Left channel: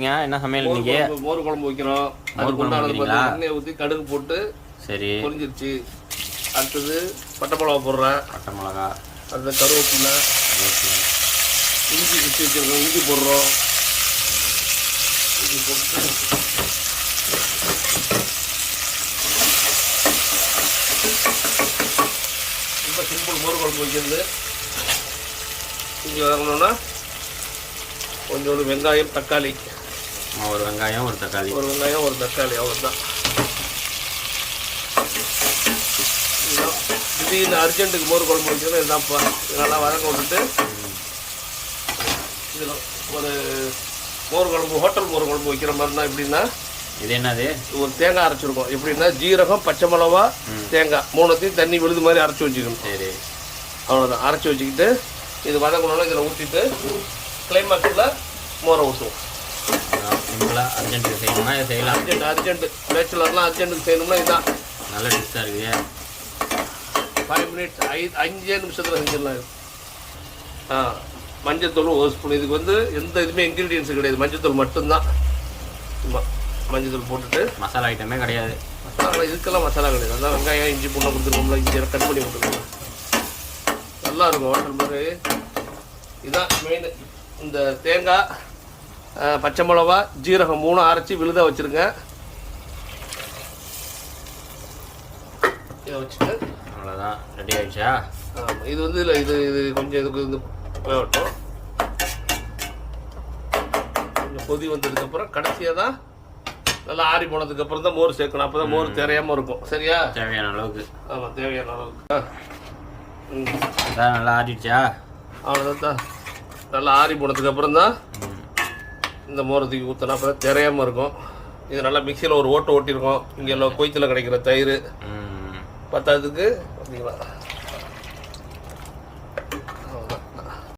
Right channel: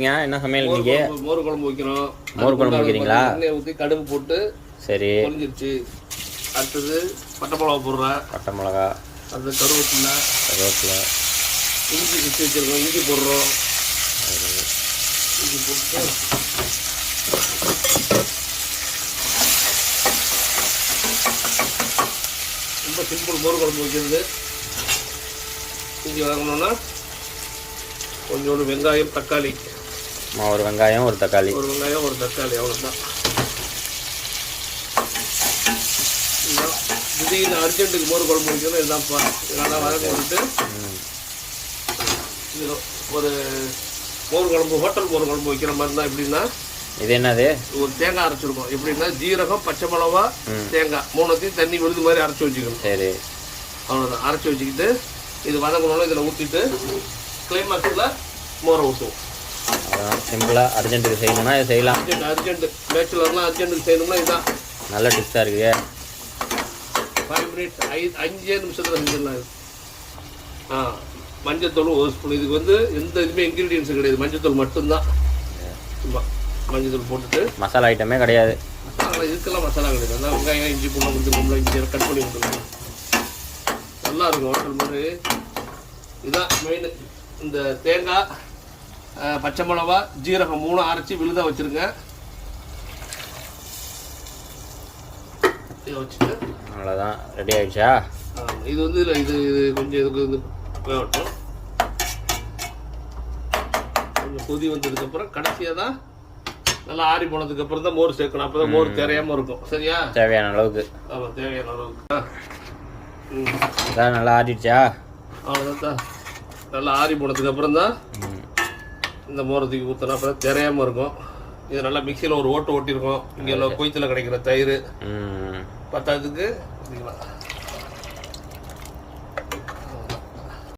என்ன சமையல் இன்னைக்கு? மோர் குழம்பு வைக்கிறோம். மோர் குழம்பு வைக்கிறீங்களா? எண்ணெய் ஊற்றி கடுகு போட்டு சரி பொரிஞ்சிருச்சு. அடுத்தது பட்டை மிளகா போடுறேன். பட்டை மிளகா, அந்த கருவேப்பிலை, இஞ்சி வச்சு வச்சிருக்கோம். இஞ்சி போடுறோம். இஞ்சி போட்டு ரொம்ப சிம்பிள் மோர் குழம்பு வைக்கிறது. இஞ்சி வதங்கணும்னா கொஞ்சோண்டு வெங்காயம், தக்காளி, ஒரு வெங்காயம் ஒரு தக்காளி, அவ்வளோதான். திடீர்னு அர்ஜென்ட்டுக்கு மோர் குழம்பு வைக்கணும். இதுதான்ப்பா. இதெல்லாம் வதங்க விட்டுட்டு இது ஒரு மோர் குழம்பு, ஹோட்டல் மோர் குழம்பு வைக்கிற மாதிரினா எப்படின்னா, இது என்னது, ஒரு தேங்காய் அரைச்சிருக்கோம். எப்படின்னா ஜீரகம், பச்சை மிளகா, தேங்காய் மூணுத்தையும் தண்ணி விழுது மாதிரி அரைச்சி வச்சுக்கணும். சரி, அவ்வளோதான். அரைச்சி வச்சுக்கிட்டு இது வதங்கணும்னா இதில் ஊற்றிட்டு கிளைமேக்ஸில் மோரை ஊற்றுவோம். அதான் சிம்பிளாக அர்ஜென்ட்டுக்கு செய்யணும்னா இதை செய்யலாம். அர்ஜென்ட்டு பேச்சுலர்லாம் அர்ஜென்ட்டுக்கு செய்யணும்னா இதுதான் நல்ல டிப்ஸாக இருக்குது. 5 மினிட்ஸ், 5 நிமிஷத்தில் செஞ்சிடலாம். மஞ்சத்தூள் ஒரு ஸ்பூன். இதுக்கு வந்து எந்த இதுவுமே இன்க்ரீடியன்ஸும் கிடையாது. மஞ்சத்தூள் மட்டும்தான். மஞ்சத்தூள் போட்டுட்டு மசாலா ஐட்டமே கிடையாது. இதுக்கெல்லாம் மசாலா கிடையாது. அதான் வெங்காயம், இஞ்சி பூண்டெலாம் கொடுத்துருக்கோம்ல, இஞ்சி கட் பண்ணி கொடுத்துருக்கோம். நல்லா இருக்கும் ஹோட்டல் மாதிரி. இதுதான் மெயின். இந்த தேங்காய், பச்சை மிளகா, ஜீரகம் 3 அரைச்சி விழுதாக வச்சுருங்க. இதை வச்சுட்டு அவ்வளோதான், ரெடி ஆகிடுச்சா? இது வந்து இல்லை, இது கொஞ்சம் இதுக்கு வந்து போகட்டும். கொஞ்சம் கொதி வந்ததுக்கப்புறம் கடைசியாக தான் நல்லா ஆறி போனதுக்கப்புறம் தான் மோர் சேர்க்கணும். அப்போ தான் மோர் தெரியாமல் இருக்கும். சரியா? தேவையான அளவுக்கு. ஆமாம், தேவையான அளவுக்கு. நல்லா ஆறிடுச்சா? அவ்வளோதான். நல்லா ஆறி போனதுக்கப்புறம் தான் இந்த மோரை தூக்கி ஊற்றினா அப்போ தான் தெரியாமல் இருக்கும். இது நல்லா மிக்சியில் ஒரு ஓட்டு ஓட்டியிருக்கோம். இங்கே எல்லாம் கொய்த்தில் கிடைக்கிற தயிர் பத்தாததுக்கு